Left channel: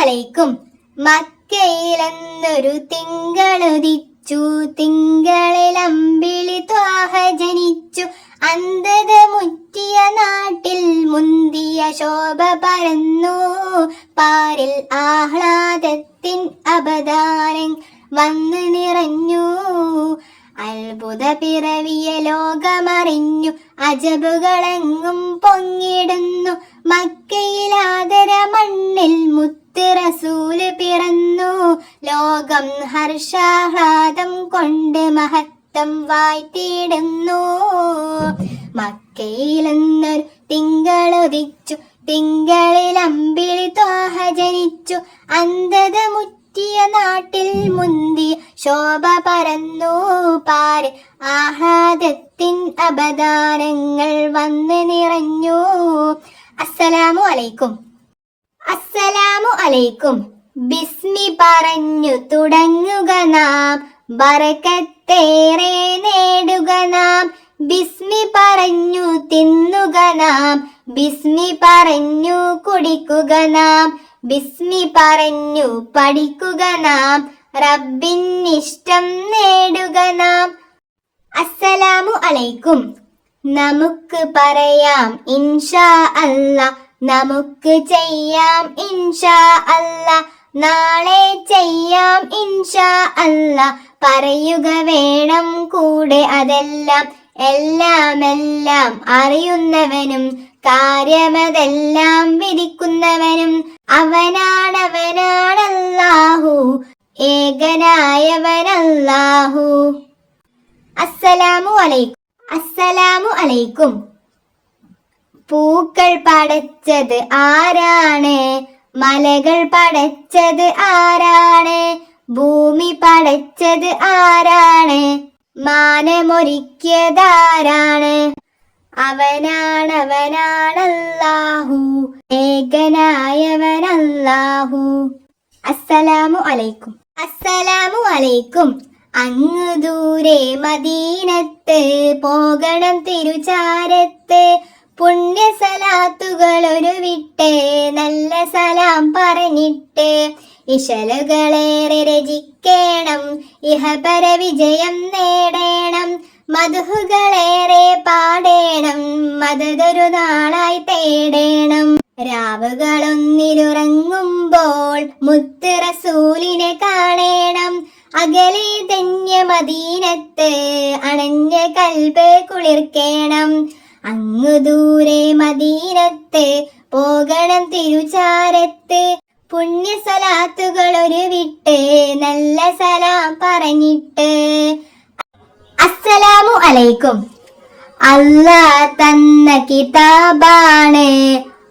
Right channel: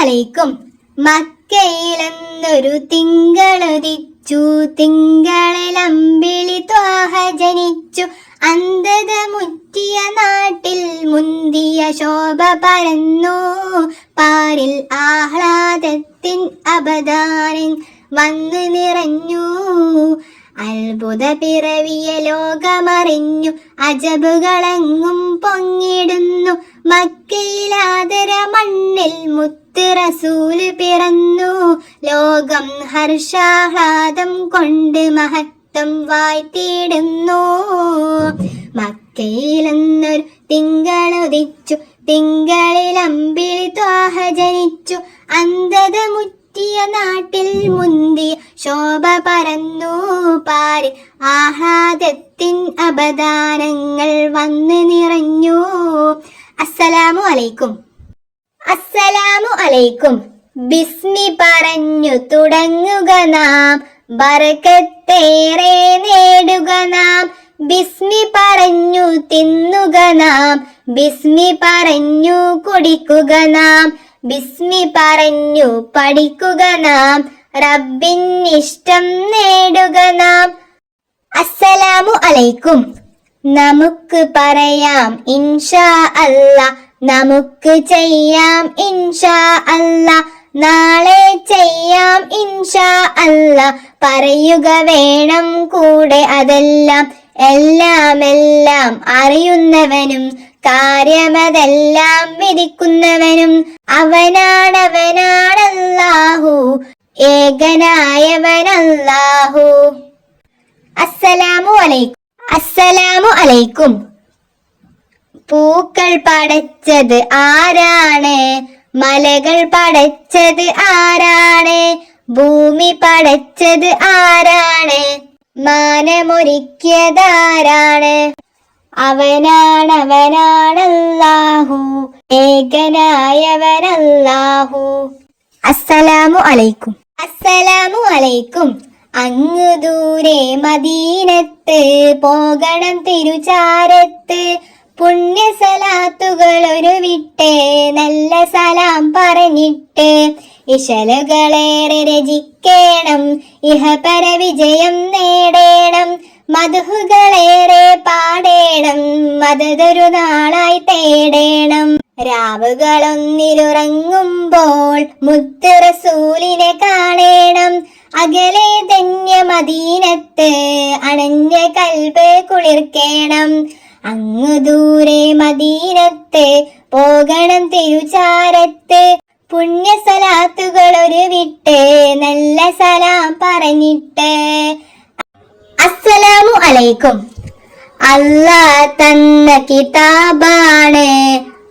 അലൈക്കും മക്കയിലെന്നൊരു തിങ്കളുദിച്ചു തിങ്കളിൽ അമ്പിളി ത്വാഹ ജനിച്ചു. അന്ധത മുറ്റിയ നാട്ടിൽ മുന്തിയ ശോഭ പരന്നു. പാരിൽ ആഹ്ലാദത്തിൻ അബദാനൻ വന്ന് നിറഞ്ഞു. അത്ഭുത പിറവിയ ലോകമറിഞ്ഞു. അജബുകളെങ്ങും പൊങ്ങിടുന്നു. മക്കയിലാതര മണ്ണിൽ മുത്ത് റസൂൽ പിറന്നു. ലോകം ഹർഷാഹ്ലാദം കൊണ്ട് മഹത്വം വായ്ത്തിടുന്നു. മക്കയിലെന്നൊരു തിങ്കളുദിച്ചു തിങ്കളിൽ അമ്പിളി ത്വാഹ ജനിച്ചു. അന്ധത മുറ്റിയ നാട്ടിൽ മുന്തി ശോഭ പരന്നു. പാര് ആഹ്ലാദത്തിൻ അപദാനങ്ങൾ വന്ന് നിറഞ്ഞു. അസ്സലാമു അലൈക്കും. അസ്സലാമു അലൈക്കും. ബിസ്മി പറഞ്ഞു തുടങ്ങുക നാം. ബറക്കത്തേറെ നേടുക നാം. ബിസ്മി പറഞ്ഞു തിന്നുക നാം. ബിസ്മി പറഞ്ഞു കുടിക്കുക നാം. ബിസ്മി പറഞ്ഞു പഠിക്കുക നാം. റബ്ബിൻ ഇഷ്ടം നേടുക നാം. അസ്സലാമു അലൈക്കും. നമുക്ക് പറയാം ഇൻഷാ അല്ല നമുക്ക് ചെയ്യാം ഇൻഷാ അല്ല. നാളെ ചെയ്യാം ഇൻഷാ അല്ല. പറയുക വേണം കൂടെ അതെല്ലാം. എല്ലാം എല്ലാം അറിയുന്നവനും കാര്യമതെല്ലാം വിധിക്കുന്നവനും അവനാണവനാണല്ലാഹു. ഏകനായവനല്ലാഹു. അസ്സലാമു അലൈക്കും. അസ്സലാമു അലൈക്കും. പൂക്കൾ പടച്ചത് ആരാണ്? മലകൾ പടച്ചത് ആരാണ്? ഭൂമി പടച്ചത് ആരാണ്? മാനമൊരുക്കിയതാരാണ്? അവനാണവനാണല്ലാഹു ഏകനായവനല്ലാഹു. അസ്സലാമു അലൈക്കും. അസ്സലാമു അലൈക്കും. അങ്ങ് ദൂരെ മദീനത്ത് പോകണം തിരുചാരത്ത്. പുണ്യ സലാത്തുകൾ വിട്ടേ നല്ല സലാം പറഞ്ഞിട്ട് ഇശലുകളേറെ രചിക്കേണം ഇഹപര വിജയം നേടേണം മധുഹുകളേറെ പാടേണം മതതൊരു നാളായി തേടേണം. രാവുകളൊന്നിലുറങ്ങുമ്പോൾ മുത്ത് റസൂലിനെ കാണേണം. അകലെ ധന്യ മദീനത്ത് അണഞ്ഞ കൽബ് കുളിർക്കേണം. അങ്ങു ദൂരെ മദീനത്ത് പോകണം തിരുചാരത്ത്. പുണ്യ സലാത്തുകൾ ഒരു വിട്ട് നല്ല സലാം പറഞ്ഞിട്ട്. അസ്സലാമു അലൈക്കും. അല്ലാ തന്ന കിതാബാണ്.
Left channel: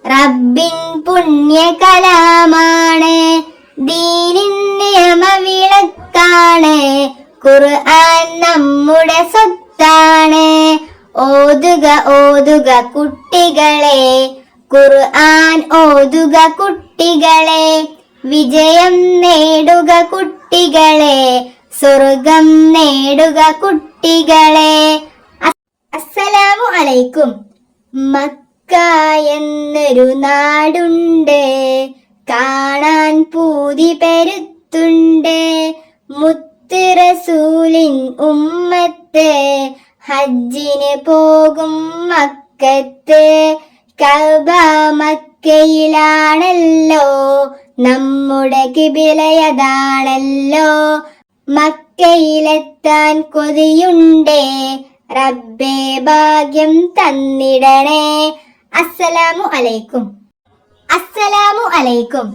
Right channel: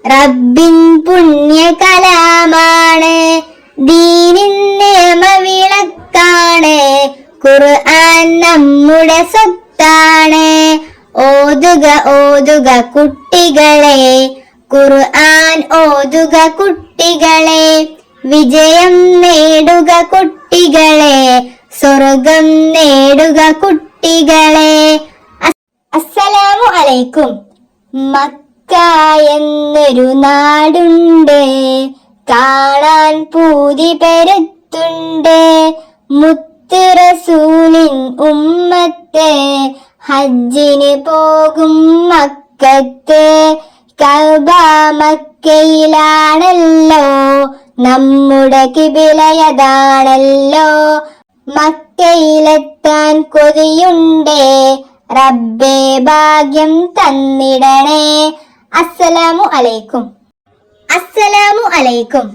റബ്ബിൻ പുണ്യ കലാമാണ്. ദീനിൻ നിയമവിളക്കാണ് ഖുർആൻ നമ്മുടെ സ്വത്താണ്. ഓതുക ഓതുക കുട്ടികളെ. ഖുർആൻ ഓതുക കുട്ടികളെ. വിജയം നേടുക കുട്ടികളെ. സ്വർഗം നേടുക കുട്ടികളെ. അസ്- അസ്സലാമു അലൈക്കും. മക്ക എന്നൊരു നാടുണ്ട്. കാണാൻ പൂതി പെരുത്തുണ്ട്. മുത്ത് റസൂലിൻ ഉമ്മത്ത്. ഹജ്ജിന് പോകും മക്കത്ത് കബ മക്കയിലാണല്ലോ നമ്മുടെ കിബിലയതാണല്ലോ മക്കയിലെത്താൻ കൊതിയുണ്ടേ? റബ്ബേ ഭാഗ്യം തന്നിടണേ. അസ്സലാമു അലൈക്കും. അസ്സലാമു അലൈക്കും.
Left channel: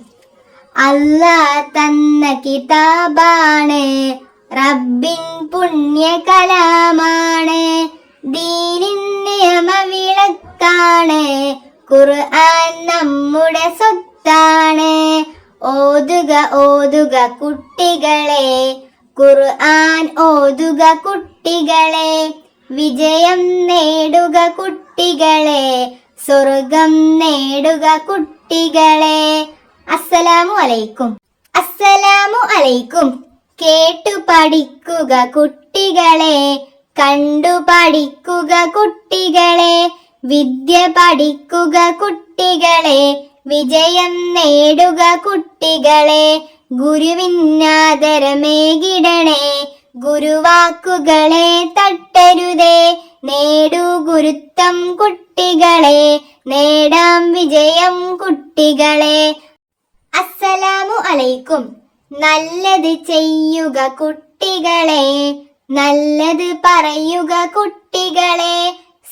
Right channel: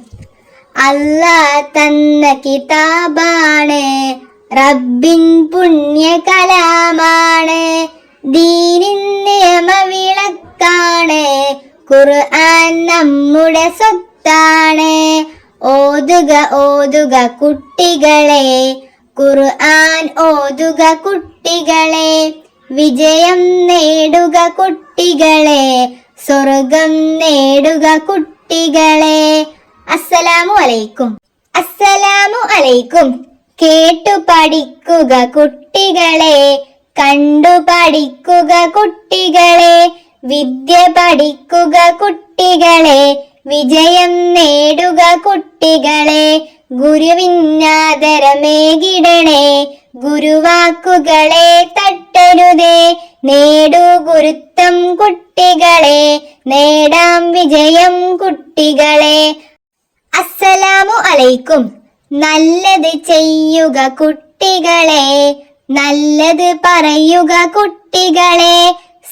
അല്ലാ തന്ന കിതാബാണ്. റബ്ബിൻ പുണ്യ കലാമാണ് ദീനിൻ നിയമവിളക്കാണ്. ഖുർആൻ നമ്മുടെ സ്വത്താണ്. ഓതുക ഓതുക കുട്ടികളെ. ഖുർആൻ ഓതുക കുട്ടികളെ. വിജയം നേടുക കുട്ടികളെ. സ്വർഗം നേടുക കുട്ടികളെ. അസ്സലാമു അലൈക്കും. അസ്സലാമു അലൈക്കും. കേട്ടു പഠിക്കുക കുട്ടികളെ കണ്ടു പഠിക്കുക കുട്ടികളെ വിദ്യ പഠിക്കുക കുട്ടികളെ വിജയം നേടുക കുട്ടികളെ ഗുരുവിന്നാദരമേകിടണേ ഗുരുവാക്കുകളെ തട്ടരുതേ നേടൂ ഗുരുത്വം കുട്ടികളെ നേടാം വിജയം കുട്ടികളെ. അസ്സലാമു അലൈക്കും. നല്ലത് ചെയ്യുക കുട്ടികളെ നല്ലത് പറയുക കുട്ടികളെ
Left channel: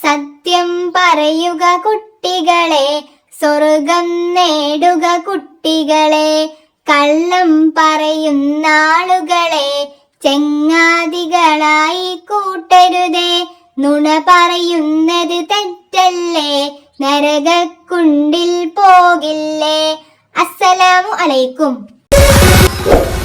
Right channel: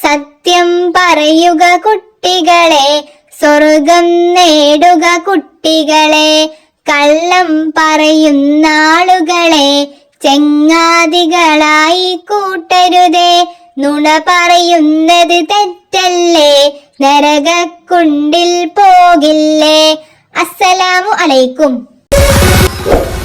സത്യം പറയുക കുട്ടികളെ സ്വർഗം നേടുക കുട്ടികളെ കള്ളം പറയുന്ന ആളുകളെ ചെങ്ങാതികളായി കൂട്ടരുതേ നുണ പറയുന്നത് തെറ്റല്ലേ നരകക്കുണ്ടിൽ പോകില്ലേ. അസ്സലാമു അലൈക്കും. Thank.